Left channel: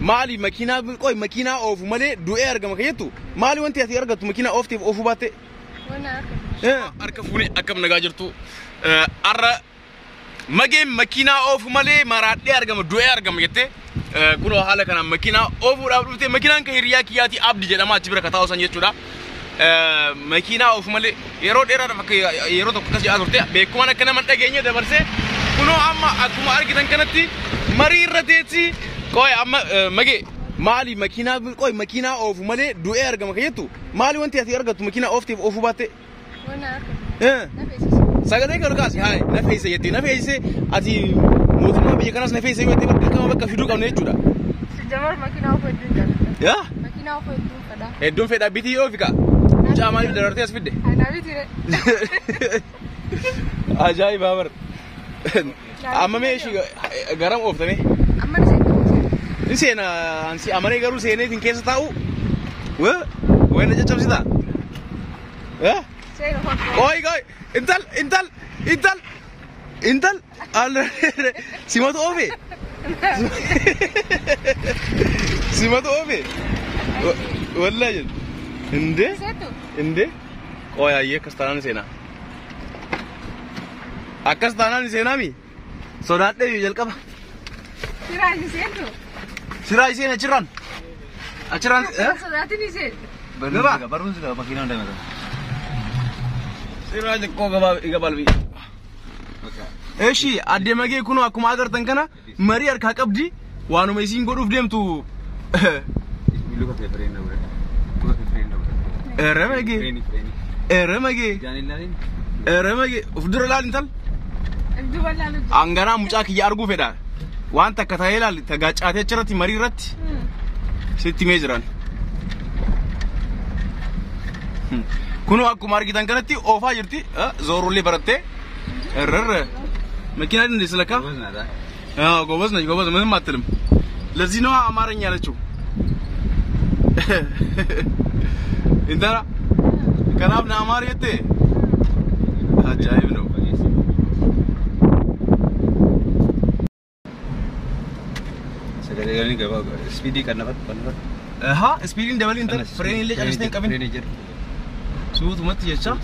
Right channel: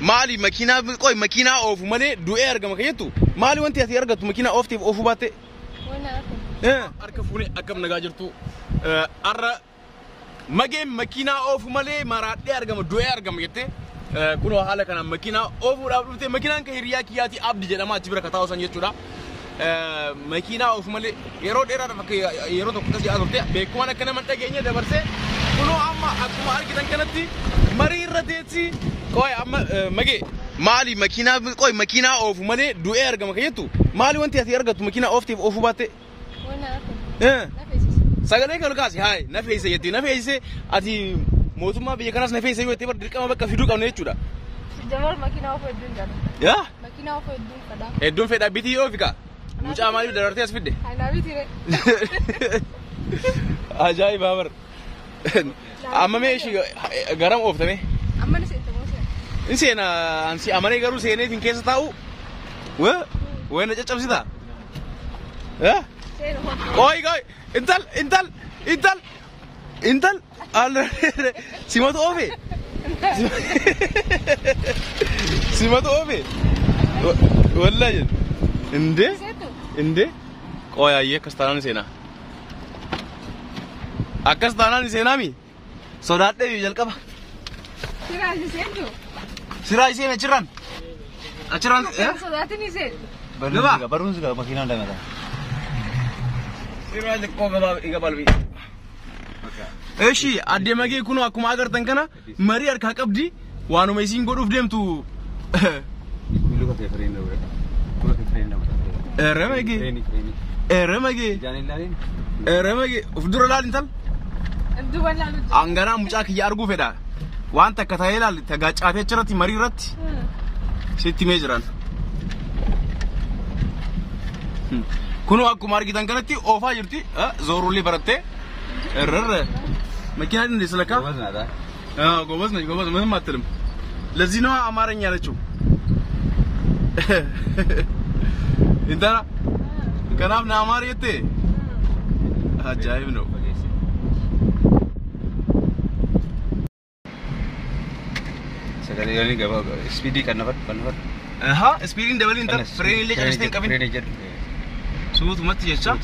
مالي ماكينة قوي ماكينة أوف مالي دوئر جم خيتو مالي وأنت هتي أرجع ماكينة أوف تيف أوف باتة وانا اركب أركفوني أكم نجاجرتو أرى ماجي ماكينة أوف مالي مرات دي أرجع دوئر جم يته كله حاله كنا ماكينة أوف ورابطة ماكينة كهريا كياتي أبدي جدا ما تبرك كتاو سانجي تورا ماكينة أوف مالي يرود إيرا فك يرود كذا أقولته بيكوانا كنا من تجيني ده برسه كله أما أكو أرجع تنكنتي مرير رديتي كوي أما ماجي مالي ماكينة كوي ماكينة أوف مالي دوئر جم خيتو مالي وأنت هتي أرجع ماكينة أوف تيف أوف باتة وانا اركب سأقولك أركاسي هاي نفيسة يتي نفيسة أدي موتما بيجكناس نفيسة يتي بدك كم بك فيديو كم نيجودا جمال ماكينة أوف الدون كذا يا ماكينة أوف الدون كذا الدون في ده بيتي أوف كا جا مالي بدرتي أسفيد أنا بيتي أجاي بامر أما ماشي غرام أوف تمي أما نسينا أنسي أماني غرو سيني فين كيس تاو وين أجا تبصي دا ها كوي انتل على سمعت أوفي سمعت أوفي والله جد إندي كوي أيه كستانا نسينا أكستانا نسينا مي صدات ده يجل كم سراج سينا أشران صداتي نسيت نبا baru sudah makinan dah ada. سراج كوكا إيجابال بي إيشي أدي ما جي كونوا أكو ما أقدر تنكنا مري أركاك أبدي وانو ميسين قدوف ديم تو Lu kau friend dah berada. Tu friend dah. رمجي Jangan lain. رمجي ufdura laal intal أبدو ولا لود angana mucaa kiyya arguu fedha waan takka ta'ee ilaal tagaacaatee achirratti marii irratti sitti mee jiran kunu akkuma argitan kanatti oofaa jirti zoorullee barattee irra መኪና እንደዚህ ስለካ ጎበዝ ነኝ ምንም አትልም ለዚህ ነው አማርኛ ያለችው እንተራ ከናብና አማርየቴ አጃይብ ነው Sekali kali gak bawa speedy kan dapat. speedin double inter frame ile charge kabin suut mat yecha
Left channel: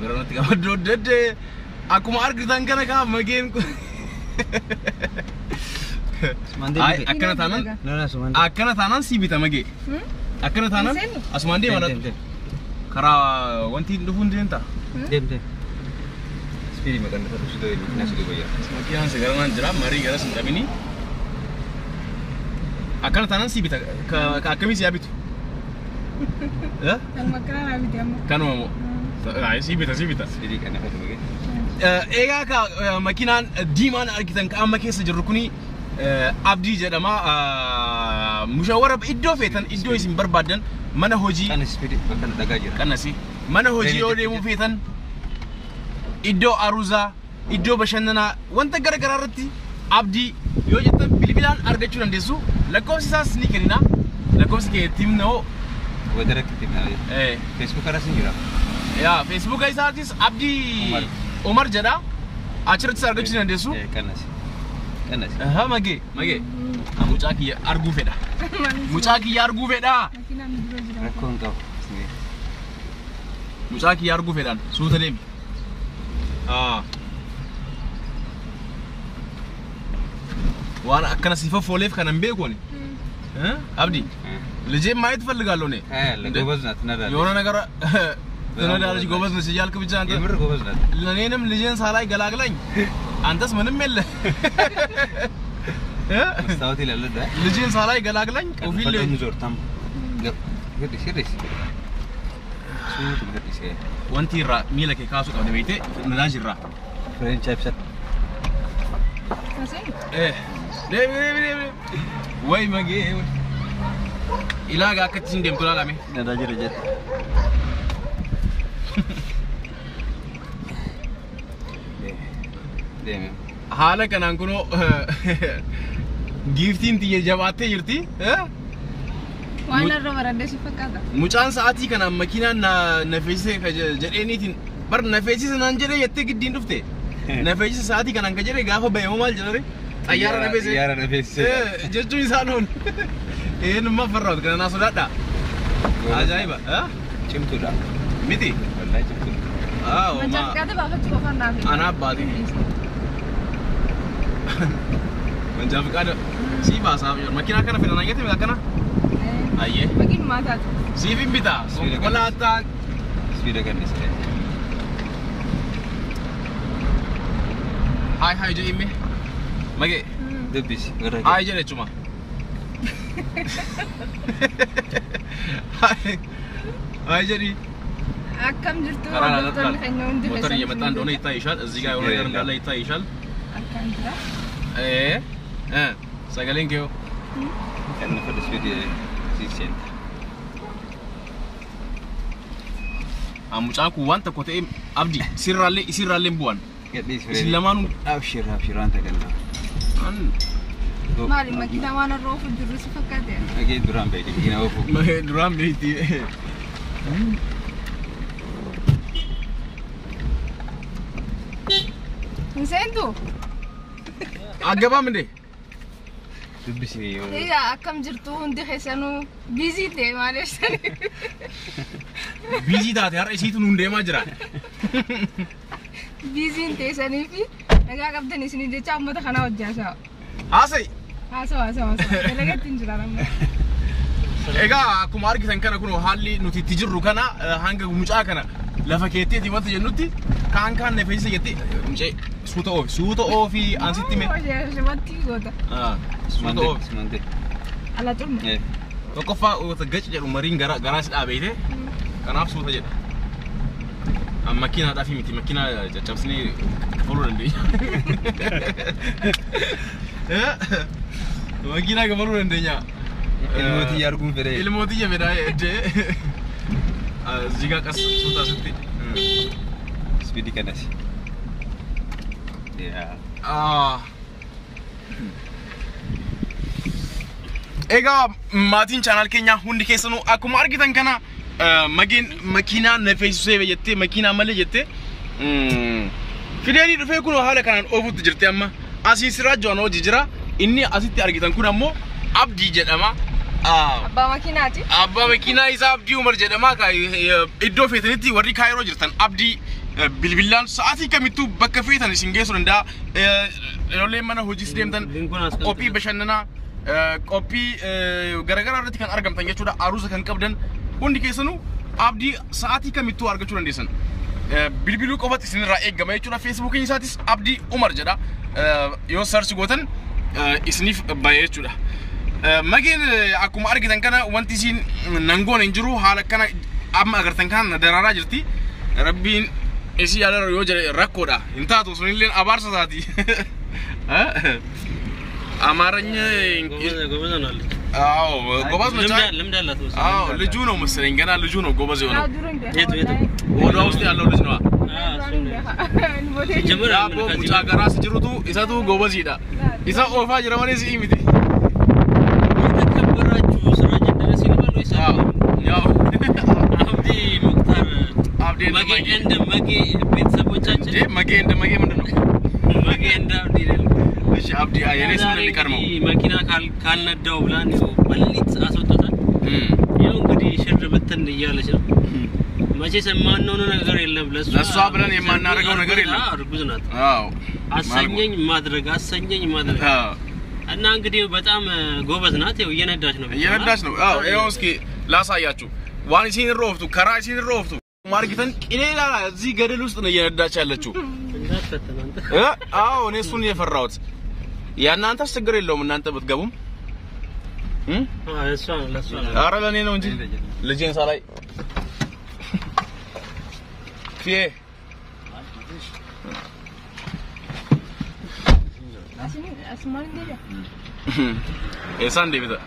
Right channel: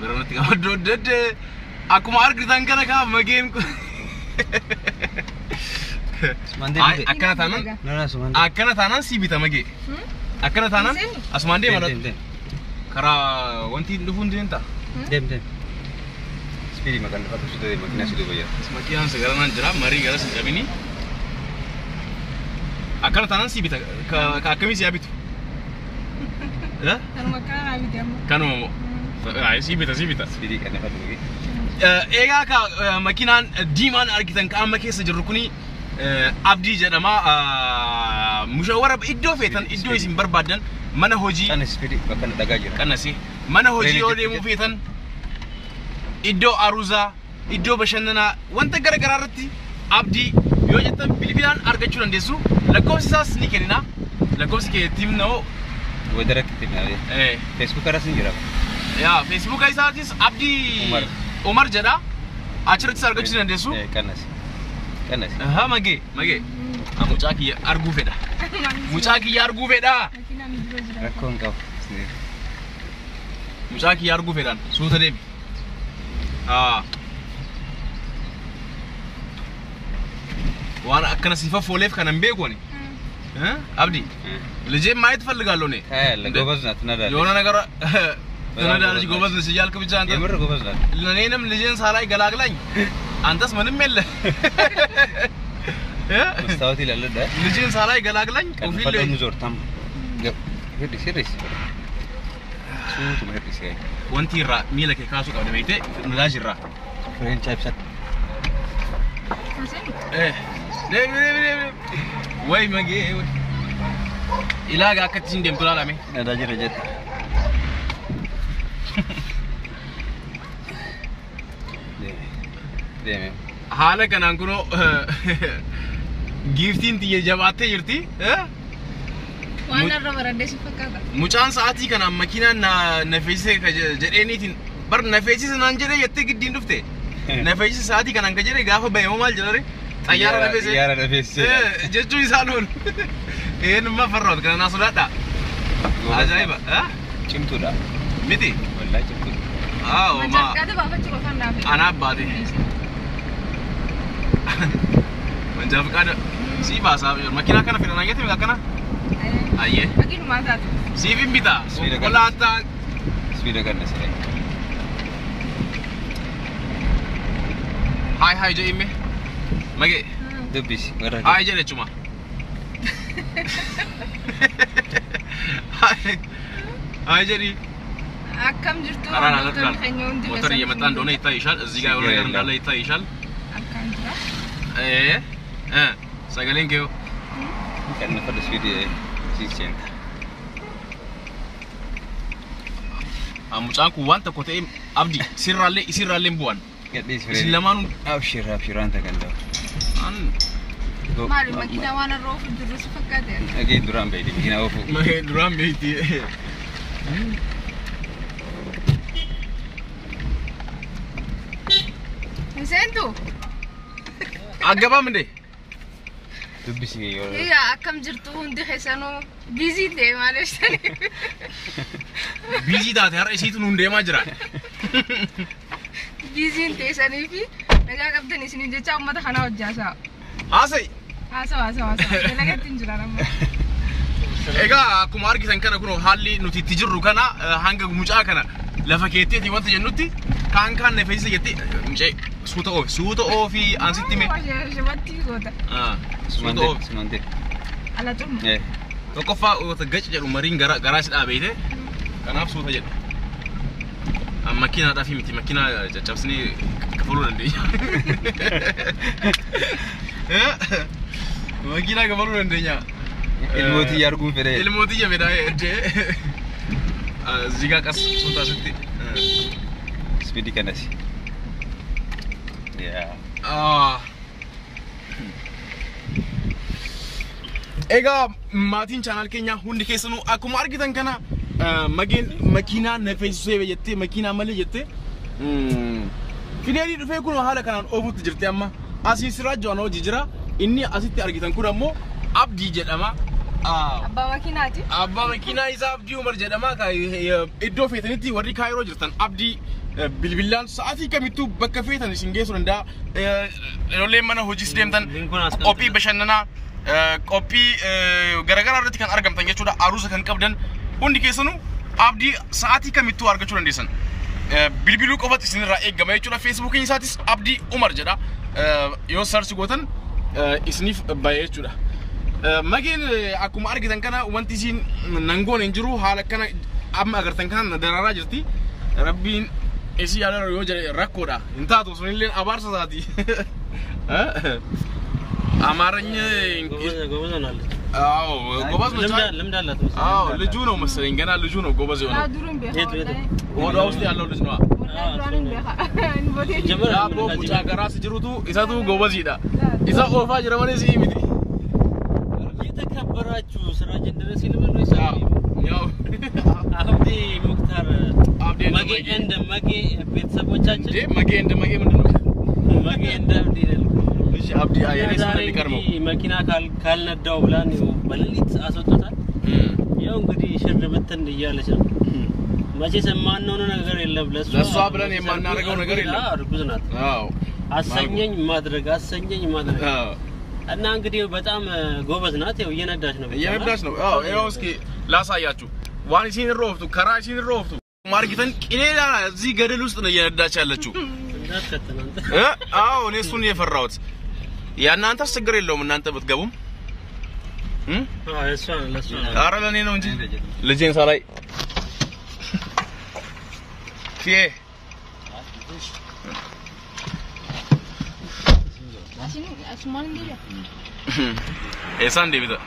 garanti ka dodde akuma argitan kana ka magem akana tanan sibita mage akana tanan asmande mad kara wanti dufun dinta dem speedy makan dapat sudah goya makian sekarang jara mari gara sendabini akana tanan sibita ka akami siabitu Kalau makan habis dia mau. Kanu mau. Ay sibita. speedy kan dapat lagi. Egaa ka makinaan diimaan argitan ka amma keessa jirru kuni abdii jedhama mushawara iddoo feetan iddoo isin barbaadan mana hojii Kan speedy bakkan dagaa jiru. kanasi mana hojii yoo deemuu feetan iddoo aruuzaa iddoo bashannanaa wanta garagaraa irratti abdii yoo jettan bilbilaan argachuu dandeessu lakkoofsi isaas ni kennina lakkoofsi keetiin noo Wajar kita ni. Facebook ada sendiri. yaa Facebook isaatis abdii Umar jedha achirratti argachuu dandeessu Kanas. mage mucaa kiyya arguu fedha Makin ambil dulu sudah. Rakon kau. mucaa kiyya arguu fedhaan suuta deemi waan akkana sifa fooleef kanan beekuni abdi ልጄን ማየት ፈልጋለሁ እኔ ጎበዝ ናት ትነዳለች የሆነ ነገር ትነዳለች ጎበዝ ነች እያልክ ብቻ አንተ የምር ጎበዝ ናት ለኔንም ልጄን ሳላይ ገላግላኝ አንተስ ምንም የለ መስታወት ይላል ዳ ልጄን ሳላይ ገላግላኝ ኦፊል ፈጠኑ ዞርታም ግድ ሲሪስ ሱት ግድ ሲይ ወንቲራ ሚለከ ካሱ ቀደ ቤቴ ነዳጅራ ፍሬንች አፕሰት ወይ መጌ ilaga akkatti sin deemtu laalame nadaji rejet deeme haala kanaan kuno giftiin tiyya jabaattee jirti Waan irra baradee si fakkaata. mucaan sa'aatii kana makiinaan na feesise jedheeniitiin bar na feesise naan jedhee jettee giddiin dhufte na feesise sa'aatii kanaan ka jedhee gaafa bahe maal jedhare xayyaara nafeesse xayyaara nafeesse jechuu isaa loon eenyummaa farroot kana naa sodaadha ajaa'iba cimtuudha miti wallaahi cimtuudha Manjaqaate baafachuu qofaan naafi. Ana abbaate manjaa faqaada sii baasaa makiinaa kana fedhan ayyaate akkana ayyee Makiinumaa taatu. siifin bitaa konkolaataa spiida kannasee Hai jedhime magee dubbisi warra hai jedhechuma hai jedhi Akkam jirtu Karaan hordoftoonni keenya hundi motor እየመጣ እንደሆነ ይታይሻል እዚህ ጋር የሆነ ነገር እንዳለ ይታይሻል Akkaan jira. sagaleen kee kan fadhu spiida siisenta mucaan kun waan tokko ta'e abdi isirraallee bu'an isin lamaanuu abshiraan tagalaa Maali makiinaa waan irra oofu jirru si fakkaate. Agee duraan beekte makiinaa oofu duraan beekti Seentu. aggabaam inde dubbisi yoo Egaa akkam jirtu hundi keessanuu biizii ta'e maal ibsanii. biizii taate har'a isiitu nuun deemaa jira Biiziin teessanii fi nagaa qabdan isiniin jecha uummata kanaa hojjaasaa. haasa'e Haasawaa. Dalagatti hin jiran amma. egaa akkuma argitan kana kun haalli nuti itti jirru kana hanga mucaa kana lafa keetteeti wanta jennutti kaan nafeessa jettee mucee suuta oofi ansitti mee Shubatti goota. suuta oofi sumante Ala xumma. tokkoffaa gaci jedhu mariin garaa si dhaabeete kanaaf suuta jedhu makiinaadhaa fi miti makiinaa caccabsinee kafaluu dandeenya makiinaa kafaluu dandeenya ilmootii arguun fedhe ilmootii fedhaa jedhee zigaa qas suuta asitti spiidi kanas egaa maatiin chaanaal keenyaa hundi keessanuu akkuma argitan kana mageen makiinaa nafeessisee jettee makiinaa malee jettee fideelii dhufee kun haala kanaan oofuutti jirti amma asiin siraajjoon hojii jira inni asitti argitan kun ammoo abdii jedhama Abbaa makiinaati. abbaa makiinaa isaa abdii umar jedhama iddoo feetanitti warri kaayiroo jirtan abdii bilbilaan sa'aatii kamittuu bakka feetan isin geessuu danda'a ijoolleen mana hojiis deemtan qophii bashannanaa qophii garagaraa irratti kan argamtan jechuudha aruusa kan qabdan hundi keessanuu abdii sa'aatii kamittuu argachuu dandeessan bilbiluu qofatti isinirraa eegama jechuudha feesbuukiin isaatis abdii umar jedha yoo sarchi gootan isiniif baay'ee jechuudha mageen akkuma argitan kana wanti isin nangoon hin jiru haala kana amma agartan kana daraaraa jirti rabbiin isii yaadara yoo jedhe rakkoodha hin taatu sunilleen abaarsa isaati አማርኛ አዎ ጎበዝ ነው አዎ ልጁ ነው መሰለኝ ገና ልጁ ነው ጎበዝ የሆነው ወደ ውስጥ ያለው ልጅ ነው ዳቦ ሙጫ ጋራ ሲጅሩቱ ኢሳቱ ጎበዝ ይዳ ኢሳ ኦፋ ጅረማኔ ሲሚቲ የተከበራችሁ ስራጅ ድረስ ይልበል ወይስ ያው አብዲ ሙክታር አብዲ መጌ ቤተሰቦቻችን መጌ ምንድን ነው መጌ እንደ አብዲ ይላል እሺ አብዲ አየኔስ እንደሚቀርመው መኪና ካልነዳው ብላን ነው በሌሊት አስወጣታል ያው እንግዲህ ሽር ብትን እያለች ነው መቼ ሰማነው ነገር የለም ለሷ ብለን የማናደርገው ነገር የለም እርጉዝ ናት አዎ አሰኘኝ ማድረግ አዎ እና እንግዲህ በጣም ጎበዝ ናት ያው እየነዳች ነው አዎ ይሄው እስኪ ላሳያችሁ ዋን ሲን ሮፍቱ ከራ ሲን ሮፍቱ ማርጊተን ቂሌላ እዚህ ገደል ውስጥ ነው እየነዳች ያለችው እንዳትከተናንተ አዎ እኔ እሱን የፈራሁት ያናንተ ችግር የለውም እናንተ ብትገቡም እሷ ለሷ አረ ለኔ ነው እንጂ ልጄን ሳላይ ፊዬ Asman dia. Esan dia betul.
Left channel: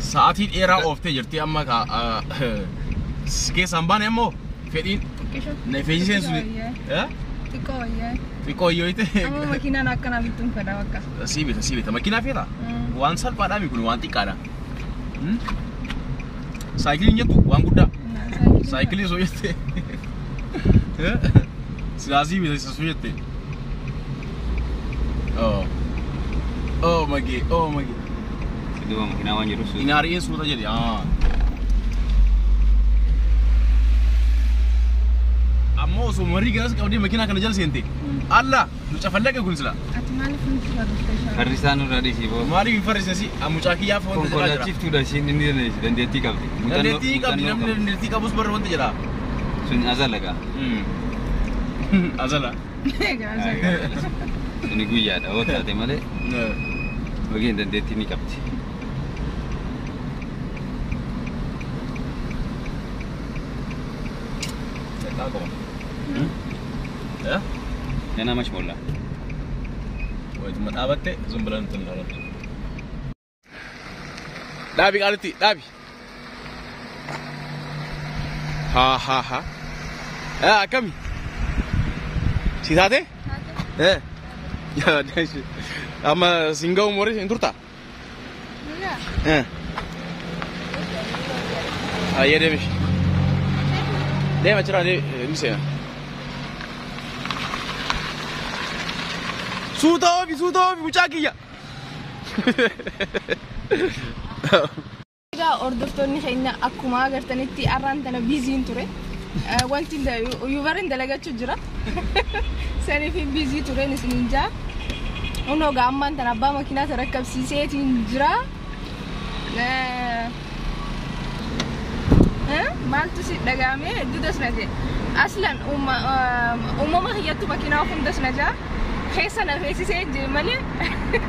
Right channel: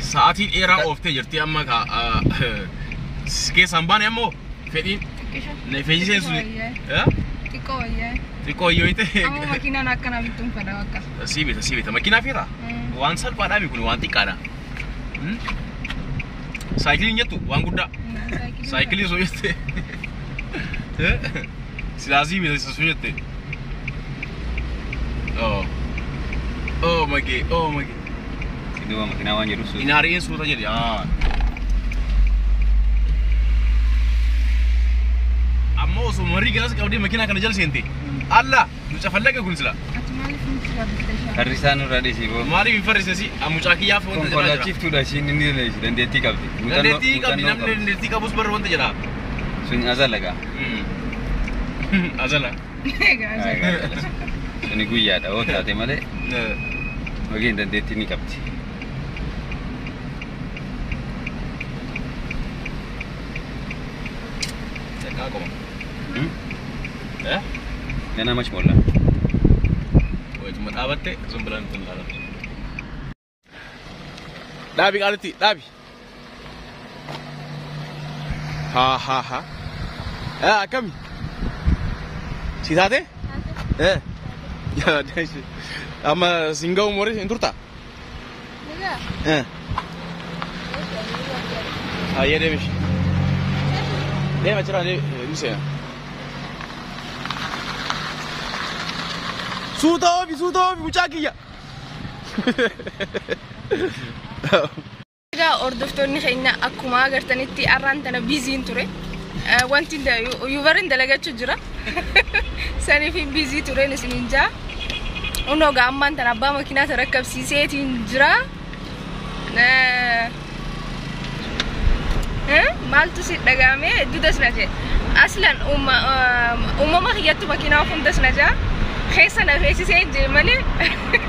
Saat ini era of te jerti amma ka ske samban emo fedi ne fedi sensu eh Tiko yo ite Kamu makina nak kena bitung pada wakas. Sibita makina fira wan sal pada mi kun wan tikana cycling nya tu wan gudda Saayikilii osoo jettee. Silaasii miidhagsa osoo jettee. Oh magee. Iddoo makiinaa waan jedhu suuta. Inaariin suuta jedhe. Ammoo osoo marii galas qabdee makiinaa kana jala seente. Allah nu cafallaqa kun sila. Farrisaan irraa dhiisii boo. Maaliif hin farrisasi? Mucaa kiyyaaf wanta jedhaa jira. Konkolaachiftuudha isheen inni dandeettii qabdi. Dandeettii qabdi namni dandeettii qabus barra wanta jedhaa. Sun azalaqa. Azala. Suni guyyaadha oo taate malee. Wageen dandeettii ni qabdi. Cakkaa qaba. Ganaa mash molla. Wajjuma dhaabatte sun bilaan ittiin ilaalata. Dhaabi qaalitti dhaabi. Ha. Akkami? Si taate? Amma singa umurii hin turtaa? Ayyee deemish. Deema jira ni seena. Suuta oofi mucaa kiyya. Egaa hordoftoonni keenya akkuma agartanitti arraan tana biiziin ture. Wanti yuubarin dalagachuu jira. Saniif biizii tureen isiniin jaa. Unoo gaammaan tana abbaa makiinaa rakkabsiiseetiin jira. Maaltu si dhagaame dudas na jee. Aslan uumama kiyyattu makiinaa hundas na jaa. Keessa na feesisee jee malee.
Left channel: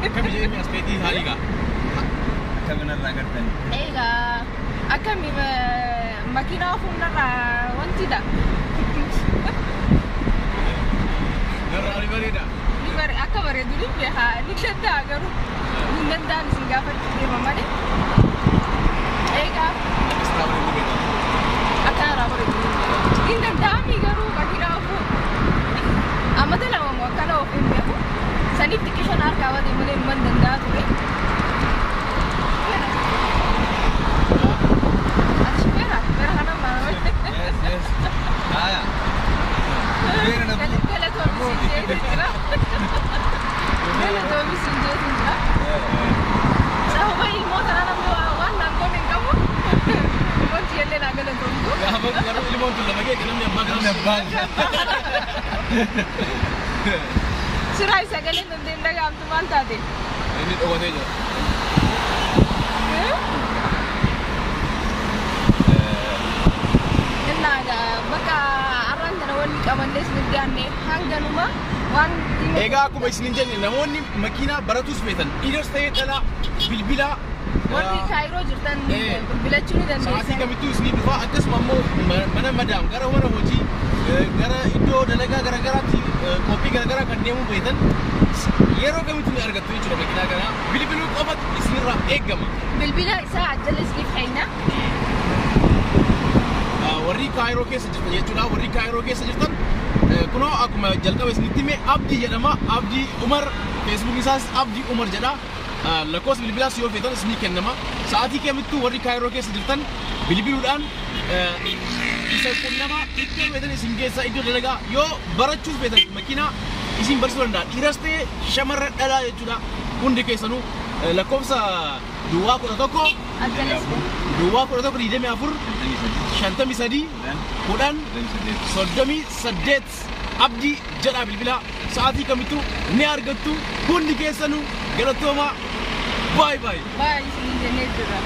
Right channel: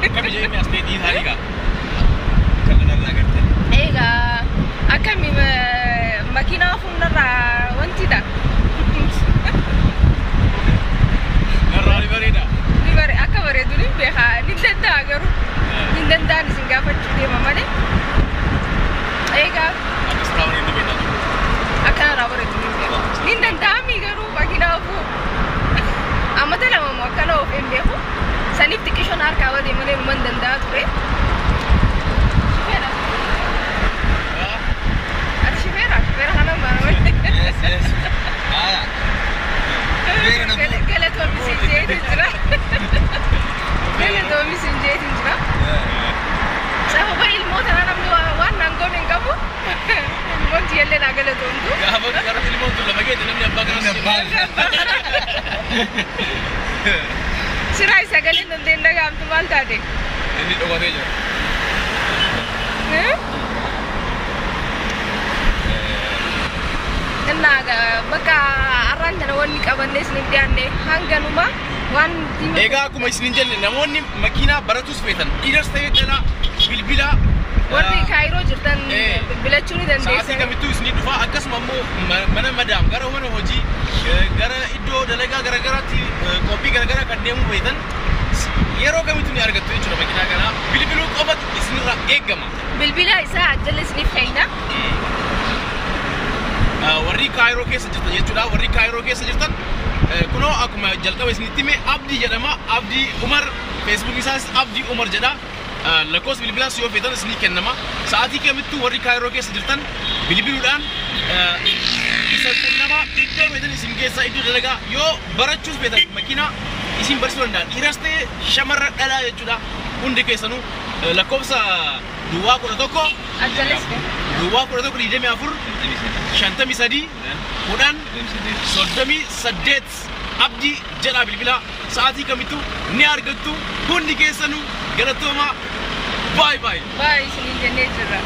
Akkami jeemee as ta'e dhiisaadhiigaa. Kabanarraa gartan. Egaa akkami makiinaa hundarraa wanti dha. Garraa ni bareeda. Ni bare akka bareedu ni beekaa ni danda'a garuu ni danda'an isin gaafachuu deema malee. Egaa Akkas irraa bareedni beektaa. akkanarraa bareedu ni beekaa. Ni danda'ami garuu makiinaa ofuu. Ammata lama moo akkana of hin beeku. Saniif xiqqishoon harkaa wadee malee man danda'a ture. Yes. Aya. Vera na bu. Galatoomii sinjeetiin jira. Sababa ilmoota namni waan naangoon hin qabu. Ilmooti illee naa galatoomtu. Gaafa garuu ilmoon tun lafa geette namni abbaa kana Siraa sagaleen dandeen dhagaamtu maal taate? inni dhokatee jira. Bakka arraan kana wanni qabannee isiniif dhiyaanne hanganuma waan Egaa akkuma isiniin jenne namoonni makiinaa baratus feetan dhiiras ta'ee dhalaa bilbila warri kaayiroo jirtan bilbilachuu ni sa'aatii dandeessan. kamittuu isinii dhufaa akkasuma immoo mana madaam gara mana hojii gara iddoo dalagaa garagaraatti qophii garagaraa kan deemuu feetan yeroo kamittuu ni argattu jechuudha makiinaa kana bilbiluu qofatu isinirraa eeggama. Bilbila isaa ajjala isiniif kenna. Warri kaayiroo keessa jirtan jechuudha warri kaayiroo keessa jirtan kunoo akkuma jalqaba isinitti hime Abdii jedhama Abdii Umar Facebook isaas Abdii Umar jedha lakkoofsa bilbilaas yoo feetan isinii kennama sa'aatii kamittuu warri kaayiroo keessa jirtan bilbiluudhaan isa qunnama iddoo feetan isin geessaa iddoo dalagaa yoo barachuus feetan makiinaa isin barsiisuu danda'a dhiiras ta'ee shamarra dhalaa jechuudha hundi keessanuu lakkoofsa duwwaa 11 Ajjala isiniif. duwwaa 11 23 10 38 Abdii jedha bilbila sa'aatii kamittuu ni argattu hundi keessanuu galatooma bye. Baay'ee isiniin jennee jirra.